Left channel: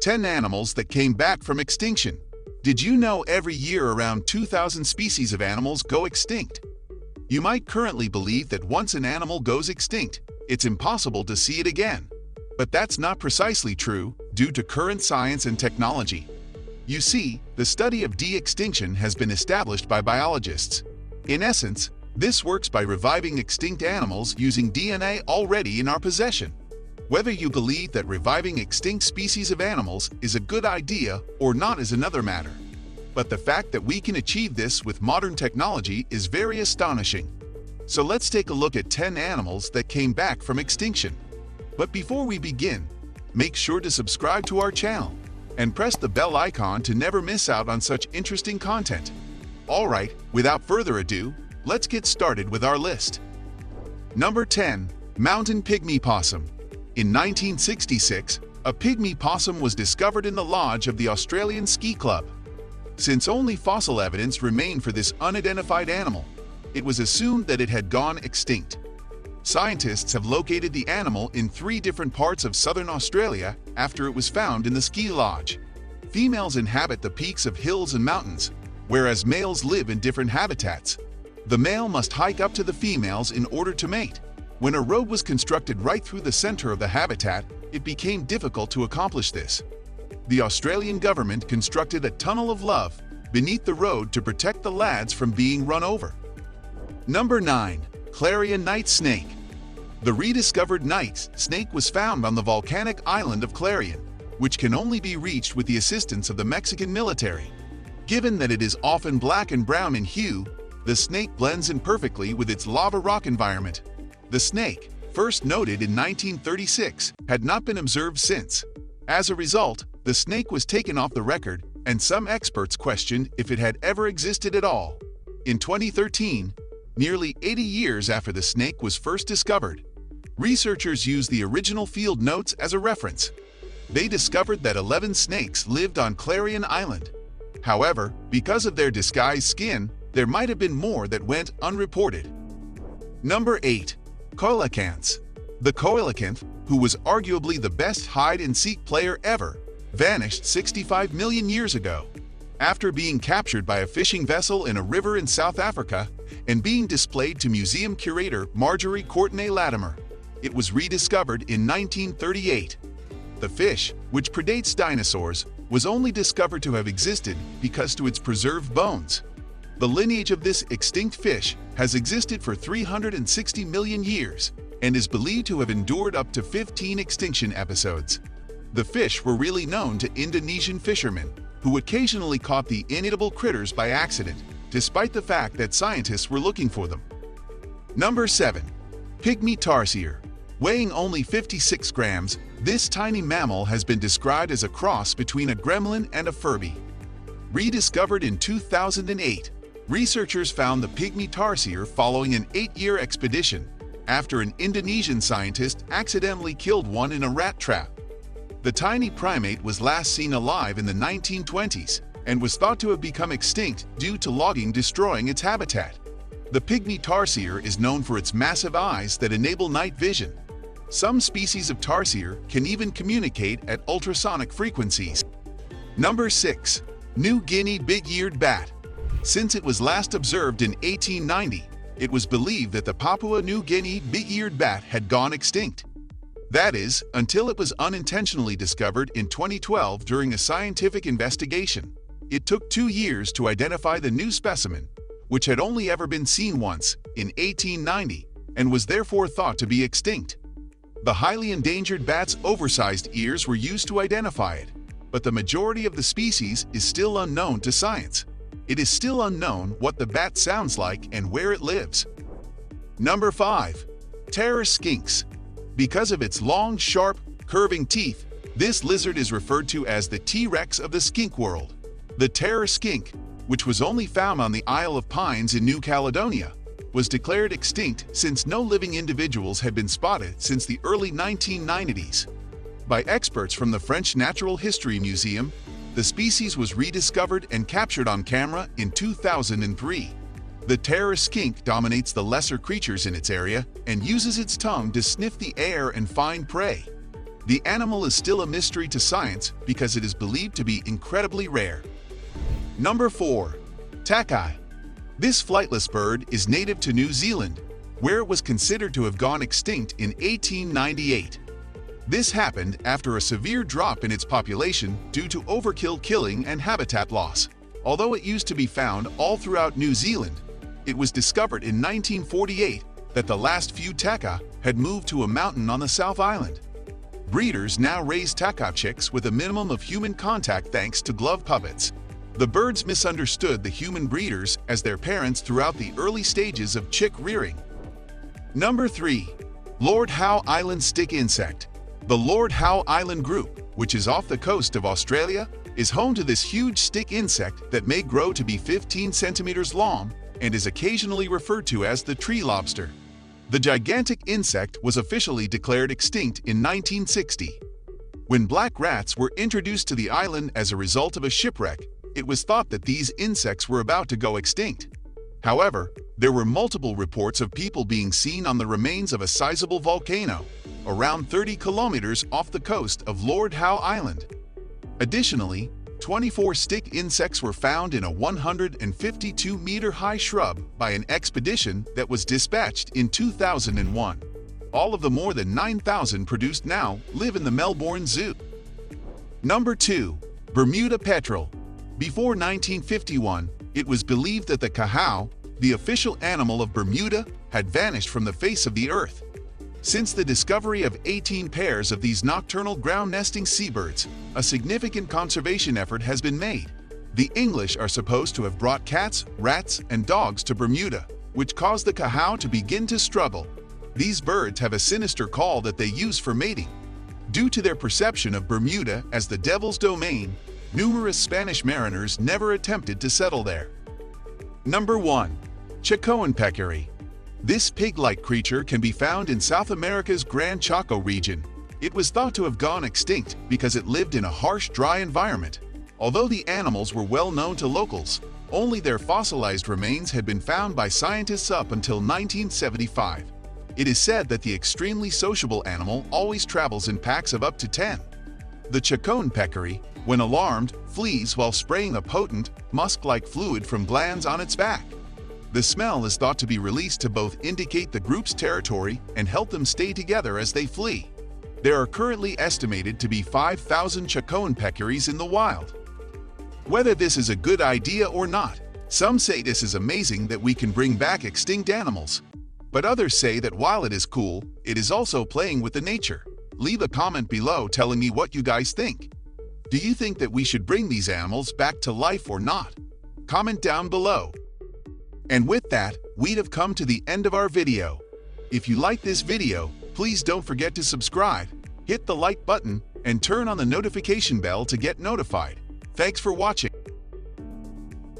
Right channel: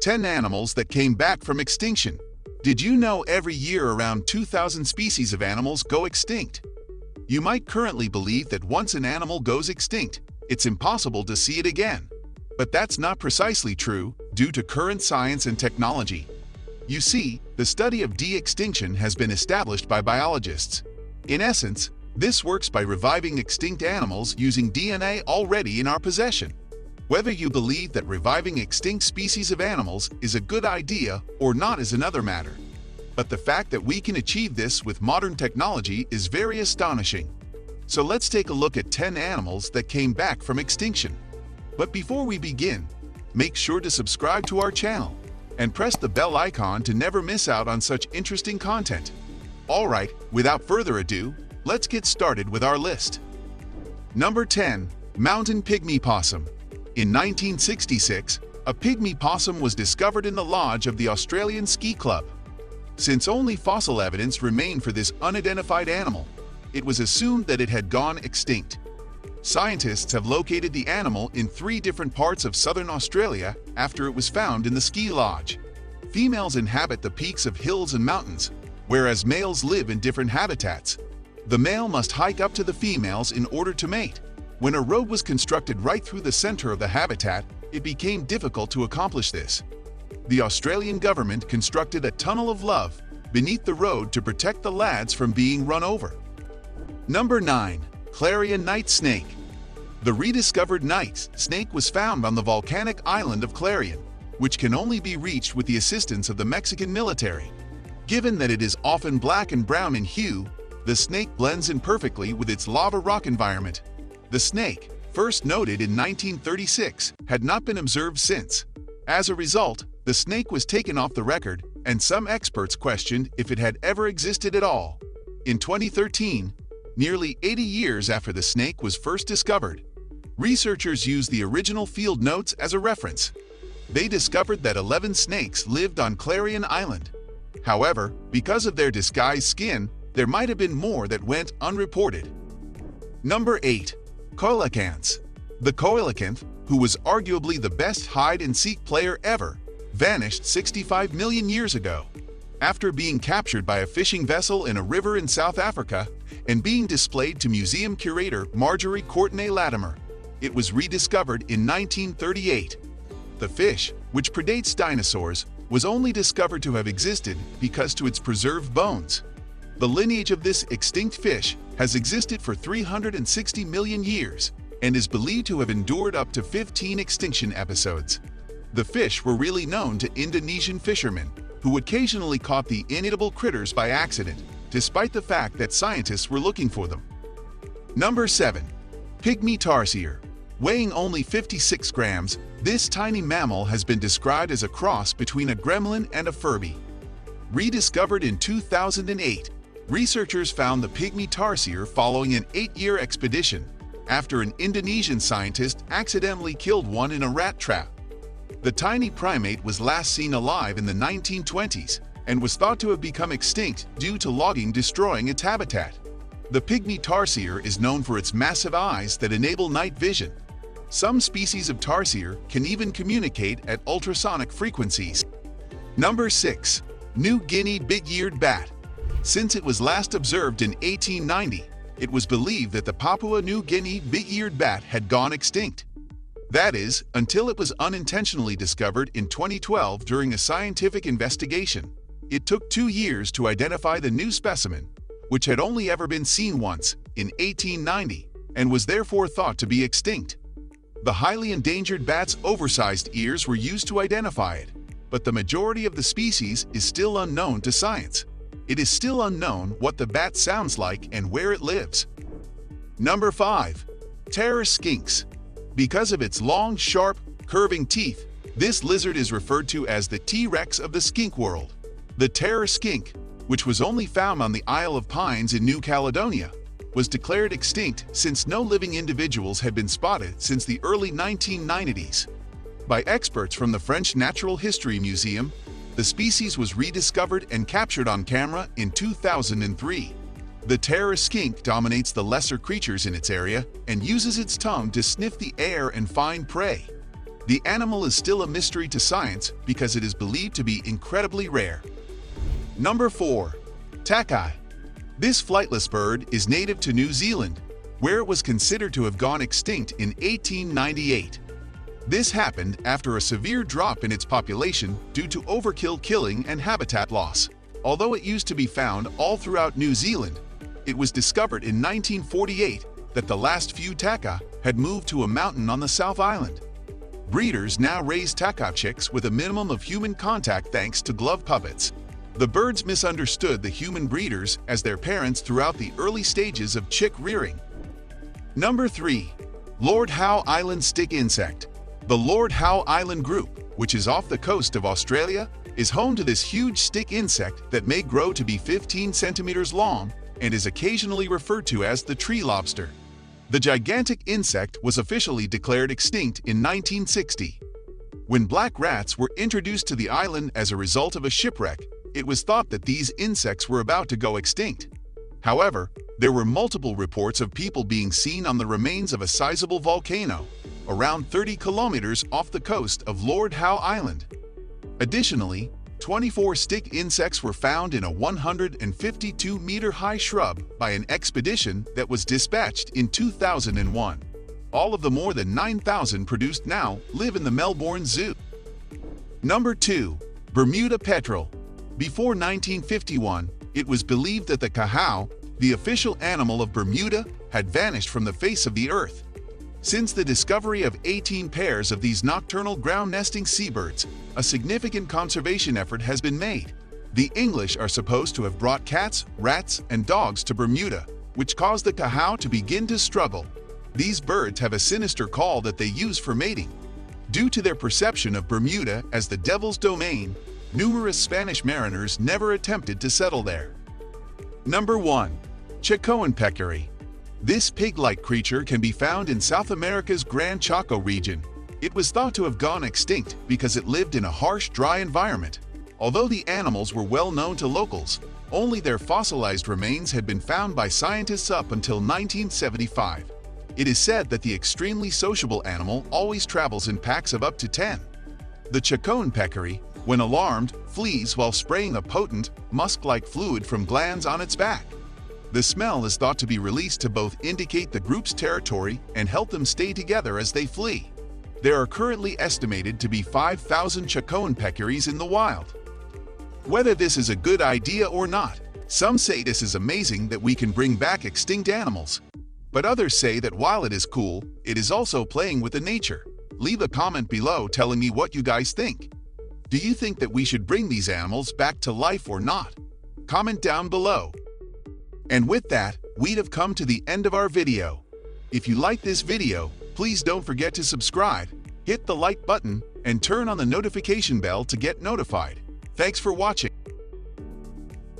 10 animals that came back from extinction. Did you know every year around 2,000 species of animals go extinct? You might currently believe that once an animal goes extinct, it's impossible to see it again. But that's not precisely true due to current science and technology. You see, the study of de-extinction has been established by biologists. In essence, this works by reviving extinct animals using DNA already in our possession. Whether you believe that reviving extinct species of animals is a good idea or not is another matter. But the fact that we can achieve this with modern technology is very astonishing. So let's take a look at 10 animals that came back from extinction. But before we begin, make sure to subscribe to our channel and press the bell icon to never miss out on such interesting content. Alright, without further ado, let's get started with our list. Number 10. Mountain Pygmy Possum. In 1966, a pygmy possum was discovered in the lodge of the Australian Ski Club. Since only fossil evidence remained for this unidentified animal, it was assumed that it had gone extinct. Scientists have located the animal in 3 different parts of southern Australia after it was found in the ski lodge. Females inhabit the peaks of hills and mountains, whereas males live in different habitats. The male must hike up to the females in order to mate. When a road was constructed right through the center of the habitat, it became difficult to accomplish this. The Australian government constructed a tunnel of love beneath the road to protect the lads from being run over. Number 9. Clarion night snake. The rediscovered night snake was found on the volcanic island of Clarion, which can only be reached with the assistance of the Mexican military. Given that it is often black and brown in hue, the snake blends in perfectly with its lava rock environment. The snake, first noted in 1936, had not been observed since. As a result, the snake was taken off the record, and some experts questioned if it had ever existed at all. In 2013, nearly 80 years after the snake was first discovered, researchers used the original field notes as a reference. They discovered that 11 snakes lived on Clarion Island. However, because of their disguised skin, there might have been more that went unreported. Number 8. Colacance. The coelacanth, who was arguably the best hide-and-seek player ever, vanished 65 million years ago. After being captured by a fishing vessel in a river in South Africa and being displayed to museum curator Marjorie Courtenay-Latimer, it was rediscovered in 1938. The fish, which predates dinosaurs, was only discovered to have existed because to its preserved bones. The lineage of this extinct fish has existed for 360 million years and is believed to have endured up to 15 extinction episodes. The fish were really known to Indonesian fishermen, who occasionally caught the inedible critters by accident, despite the fact that scientists were looking for them. Number 7. Pygmy Tarsier. Weighing only 56 grams, this tiny mammal has been described as a cross between a gremlin and a Furby. Rediscovered in 2008, researchers found the Pygmy Tarsier following an 8-year expedition after an Indonesian scientist accidentally killed one in a rat trap. The tiny primate was last seen alive in the 1920s and was thought to have become extinct due to logging destroying its habitat. The Pygmy Tarsier is known for its massive eyes that enable night vision. Some species of tarsier can even communicate at ultrasonic frequencies. Number 6. New Guinea BigEared Bat. Since it was last observed in 1890, it was believed that the Papua New Guinea BigEared Bat had gone extinct. That is, until it was unintentionally discovered in 2012 during a scientific investigation. It took 2 years to identify the new specimen, which had only ever been seen once, in 1890, and was therefore thought to be extinct. The highly endangered bat's oversized ears were used to identify it, but the majority of the species is still unknown to science. It is still unknown what the bat sounds like and where it lives. Number 5. Terror Skinks. Because of its long, sharp, curving teeth, this lizard is referred to as the T-Rex of the skink world. The terror skink, which was only found on the Isle of Pines in New Caledonia, was declared extinct since no living individuals had been spotted since the early 1990s. By experts from the French Natural History Museum, the species was rediscovered and captured on camera in 2003. The terror skink dominates the lesser creatures in its area and uses its tongue to sniff the air and find prey. The animal is still a mystery to science because it is believed to be incredibly rare. Number 4. Takai. This flightless bird is native to New Zealand, where it was considered to have gone extinct in 1898. This happened after a severe drop in its population due to overkill killing and habitat loss. Although it used to be found all throughout New Zealand, it was discovered in 1948 that the last few taka had moved to a mountain on the South Island. Breeders now raise taka chicks with a minimum of human contact thanks to glove puppets. The birds misunderstood the human breeders as their parents throughout the early stages of chick rearing. Number 3. Lord Howe Island stick insect. The Lord Howe Island group, which is off the coast of Australia, is home to this huge stick insect that may grow to be 15 centimeters long and is occasionally referred to as the tree lobster. The gigantic insect was officially declared extinct in 1960. When black rats were introduced to the island as a result of a shipwreck, it was thought that these insects were about to go extinct. However, there were multiple reports of people being seen on the remains of a sizable volcano, around 30 kilometers off the coast of Lord Howe Island. Additionally, 24 stick insects were found in a 152-meter-high shrub by an expedition that was dispatched in 2001. All of the more than 9,000 produced now live in the Melbourne Zoo. Number 2. Bermuda petrel. Before 1951, it was believed that the cahao, the official animal of Bermuda, had vanished from the face of the earth. Since the discovery of 18 pairs of these nocturnal ground-nesting seabirds, a significant conservation effort has been made. The English are supposed to have brought cats, rats, and dogs to Bermuda, which caused the cahao to begin to struggle. These birds have a sinister call that they use for mating. Due to their perception of Bermuda as the devil's domain, numerous Spanish mariners never attempted to settle there. Number 1. Chacon Peccary. This pig-like creature can be found in South America's Gran Chaco region. It was thought to have gone extinct because it lived in a harsh, dry environment. Although the animals were well known to locals, only their fossilized remains had been found by scientists up until 1975. It is said that the extremely sociable animal always travels in packs of up to 10. The Chacon Peccary, when alarmed, flees while spraying a potent, musk-like fluid from glands on its back. The smell is thought to be released to both indicate the group's territory and help them stay together as they flee. There are currently estimated to be 5,000 Chacon Peccaries in the wild. Whether this is a good idea or not, some say this is amazing that we can bring back extinct animals. But others say that while it is cool, it is also playing with the nature. Leave a comment below telling me what you guys think. Do you think that we should bring these animals back to life or not? Comment down below. And with that, we'd have come to the end of our video. If you like this video, please don't forget to subscribe, hit the like button, and turn on the notification bell to get notified. Thanks for watching.